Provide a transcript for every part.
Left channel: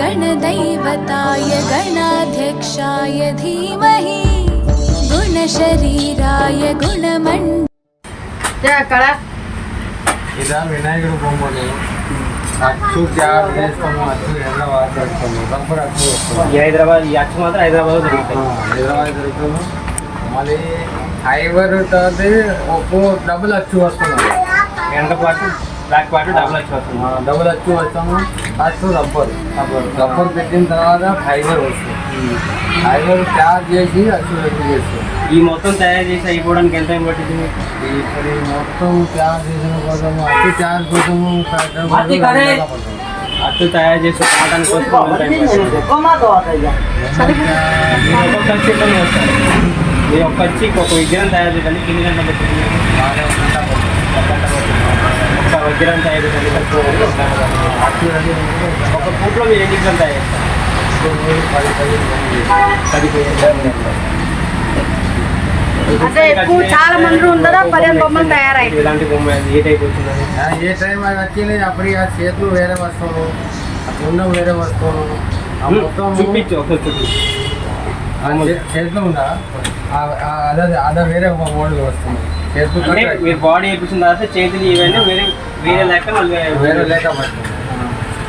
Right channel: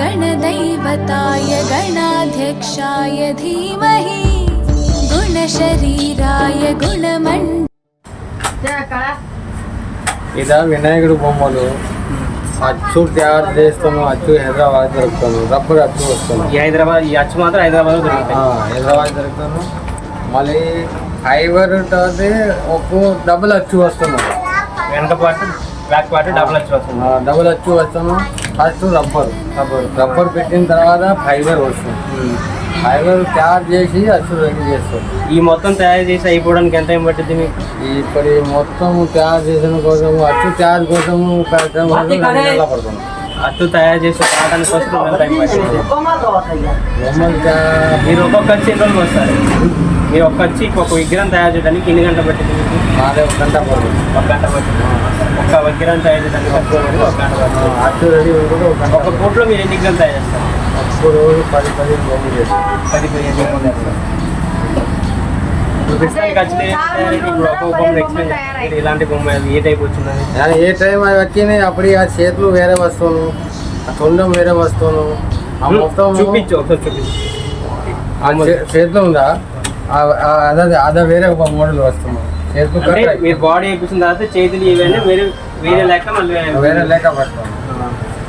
गणदैवताय गणाध्यक्षाय धीमहि गुणशरीराय ఇలా వినాయకుడు బొమ్మలు అచ్చు తయారు చేస్తాము. అచ్చు హైదరాబాద్ దొరుకుతాము. రబ్బర్ అచ్చు వస్తాము. ఈ అచ్చు మాత్రం హైదరాబాద్ దొరుకుతాయి. హైదరాబాద్ దొరుకుతాము. మళ్ళీ ఫైబర్ తర్వాత ఒక డబుల్ అచ్చు వస్తున్నాయి. వెనక పాటు బ్యాక్ పాటు డబుల్ అచ్చు వస్తుంది. డబుల్ అచ్చు వస్తాము. ఫస్ట్ రబ్బర్ పెట్టిన తర్వాత ఫైబర్ వస్తుంది. ఫైబర్ తయారు చేసి అచ్చు రెడీ చేస్తాం. ఈ మొత్తం తయారు చేసి అయిపోవడానికి ఎంత టైం పట్టింది మీకు? ఇక్కడ మొత్తం తయారు చేసిన కోసం అచ్చు తయారు కోసము అచ్చు తయారు చేసి కావడానికి కోసం టైం పట్టింది. మీరు ఒక్కొక్క వచ్చి ఎక్కడ వస్తారు? మీరు ఒక్క వచ్చి ఒక విగ్రహం తయారు చేయడానికి ఎన్ని గంటలు పట్టింది మీకు? ఒక గంట పట్టింది. ఒక్క విగ్రహం తయారు చేయడానికి ఒక గంట పట్టింది. అచ్చు రెడీ ఉంటుంది. ఒక పూటలో మీరు ఎన్ని విగ్రహం తయారు చేస్తారు? ఒక్క రోజు 10-15 చేస్తారు. ఇలాంటి బొమ్మ ఏ టైప్ వచ్చిందని? ఏ టైం అది వచ్చినాయి అప్పుడు ఆ చేతులు వేరే వస్తాను, ఆ తొండం వేరే వస్తాను. మొత్తం చూపించు ఒకసారి చూపించు. చేతిలో ఉందా అదే వేరే మోడల్ వస్తుంది. చేతులు మీరు బాడీ వేయించిన తర్వాత చేతులు ఇవన్నీ వేరే లెక్క మళ్ళీ వేరే లెక్క పడతాను.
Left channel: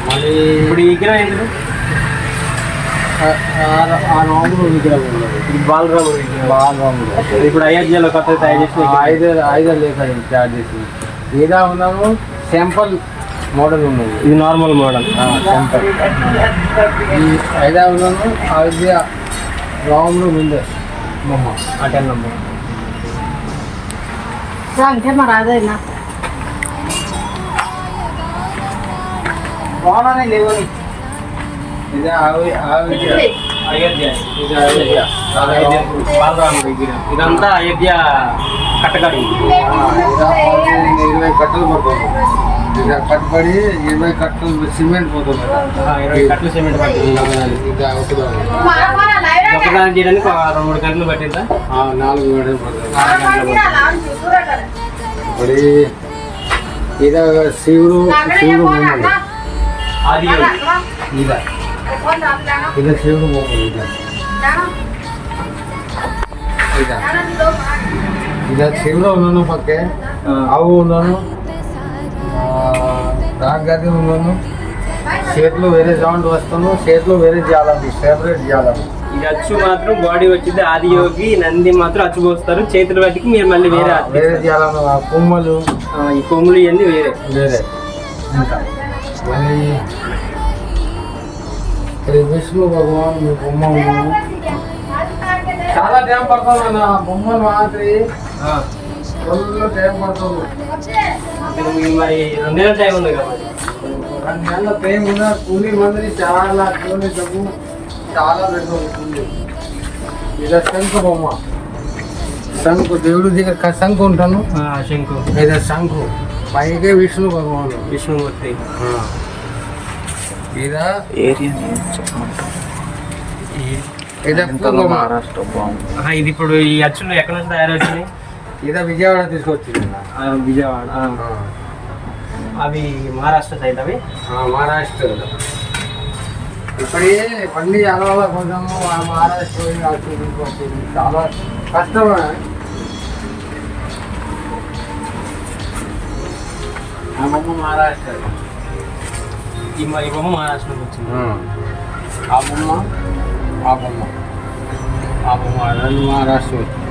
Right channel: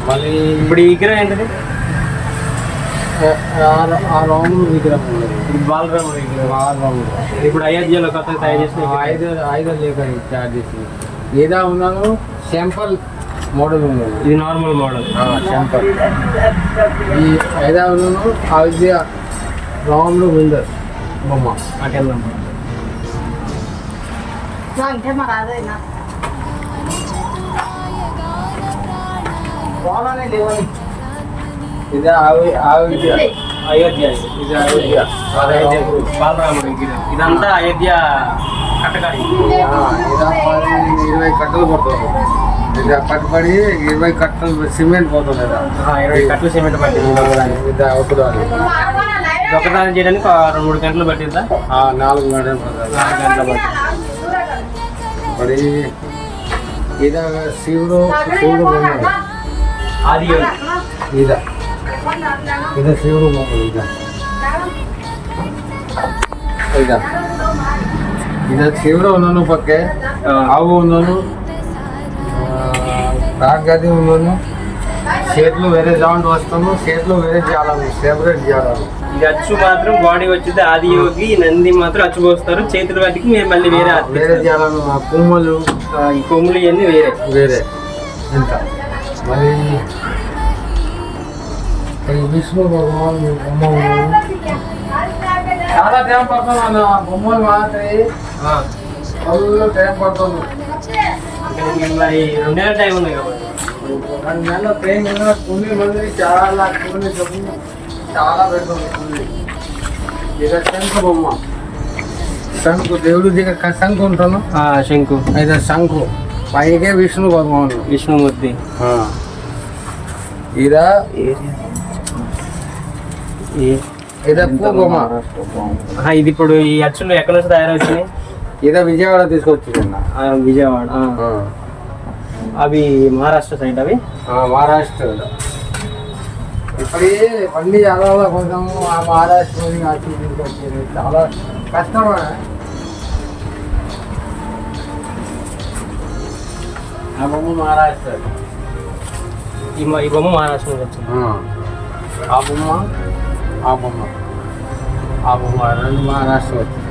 మళ్ళీ ఇప్పుడు ఈ విగ్రహం ఎందుకు? ఆ రాముడు విగ్రహం బాలరాముడు. ఇప్పుడు అయోధ్యలో కొత్త తయారు చేసిన 5 లేక తయారు చేసింది. ఏదా ఉన్నాను సింపుల్ మోడల్ ఉన్నది. ఇది నార్మల్ మోడల్ సింపుల్. ఈ 5 ఉన్నాను అయోధ్య రాముడు విందర్ బొమ్మ అటెల్ నంబర్. ఇది అయోధ్య. ఇది అయోధ్య బాలరాముడు విగ్రహం. ఇదంతా అయోధ్య కట్టకడి. 20 కట్టలు పడుతుంది. ఇది కట్టుబడి 20 కట్టలు సిమెంట్ పోతుంది. 20 కట్టలు సిమెంట్ పట్టింది. ఒకదాన్ని చేయడానికి 2-3 గంటలు పట్టిందా? 4 గంటలు పడుతుంది. 4 గంటలు పట్టింది. మరి ఇది శివుడు బొమ్మ. అది ఇది శివుడు బొమ్మ. ఇది శివుడు ఉన్నాను పక్కే. ఆవు ఉన్నాను, రాగది ఉన్నాను. చేతులు వేరే సౌండ్ వస్తాను. చేతులు వేరే చేయాలి, సెపరేట్ చేయాలి. ఇది అచ్చు మాత్రం బాడీ వచ్చింది. ఆది యోగి నంది మాత్రం అచ్చు పోస్తారు. చేతుల వాటికి మీరు మళ్ళీ వేరే చేయాలను. ఆ కొమ్ములు, ఈ కొమ్ములు ఇవన్నీ వేరే ఇంత. మరి విష్ణు భగవాన్ బొమ్మ చాలా టైం పడుతుంది అన్న. బొమ్మలు మాత్రమే ఫుల్ టైం పడుతుంది. మరి 2 నెలల టైం ఉంది కదా. 2 నెలల టైం మీద కూలీ మంది చాలా కూలీ డబ్బు చాలా పెడుతుంది. కూలీ ఇలా శంకు బొమ్మ. శంకు దేవుడి దగ్గర శంకు ఉంటాను. శంకు అయితే శంకు పైకే విష్ణు భగవాన్ విష్ణుమూర్తి. ఇదా మహారాష్ట్ర. ఇది ఇప్పుడు ఈ అచ్చులు ఎక్కడి నుంచి తయారవుతున్నాయి? ఇదా విజయవాడ తీసుకొచ్చింది. విజయవాడ. అవి మహారాష్ట్ర సైడ్. అవి మహారాష్ట్ర. ఇప్పుడే పండి అలవాళ్ళ కొంచెం మహారాష్ట్ర చాలా కష్టమే. ఆ బొమ్మ మహారాష్ట్ర. ఈ బొమ్మ మహారాష్ట్ర నుంచి వచ్చింది. ఆ బొమ్మ రెండు మహారాష్ట్ర వచ్చింది.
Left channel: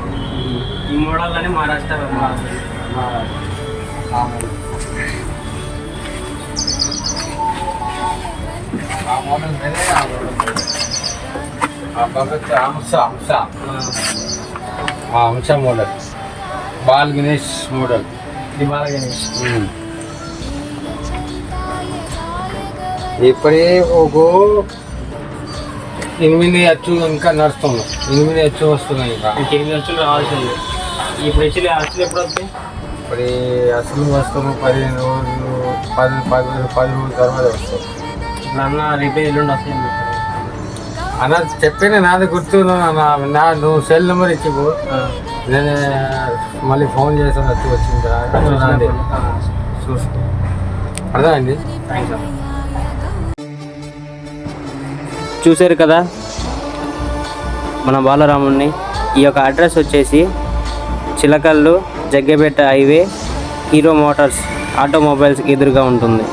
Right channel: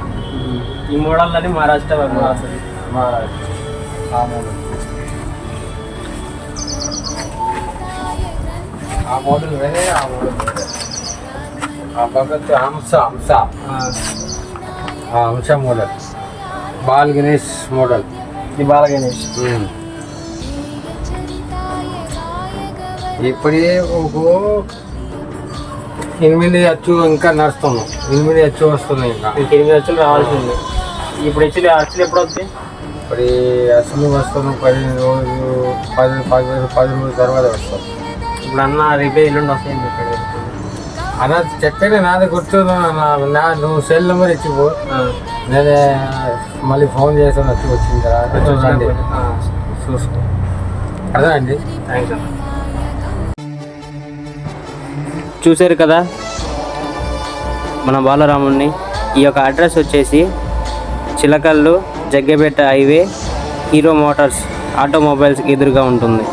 ఈ మోడల్ మహారాష్ట్ర. ఆ మోడల్ వేరే. ఆ భగత్ హంస మోడల్. Ball Ganesh model. ఈ బాల గణేష్. ఇప్పుడే ఒక 8 అచ్చు ఇంకా నడుస్తున్నాం. 8 అచ్చు వస్తున్నాయి. ఇంకా 8 అచ్చులు రావాల్సింది. ఇప్పుడు అచ్చులు ఎప్పుడు వస్తాయి? ఇప్పుడు అసలు వస్తాము 15 రోజులు 10 రోజుల తర్వాత వస్తాం. ఇప్పుడు అన్న రేపే ఎల్లుండి వస్తాయని చెప్పాడు అన్న. చెప్పేది నాది గుర్తు. నువ్వు సెల్ నెంబర్ ఇచ్చిపో. నేనే మళ్ళీ ఫోన్ చేస్తాను. వచ్చి వచ్చిన తర్వాత చూసుకో. అర్థమైంది. Thank you. చూశారు కదా మన బాలరాముడిని. ఈ యొక్క అడ్రస్ వచ్చేసి Chillakallu Jaggapeta highway hero Motors automobiles ఎదురుగా ఉంటుంది.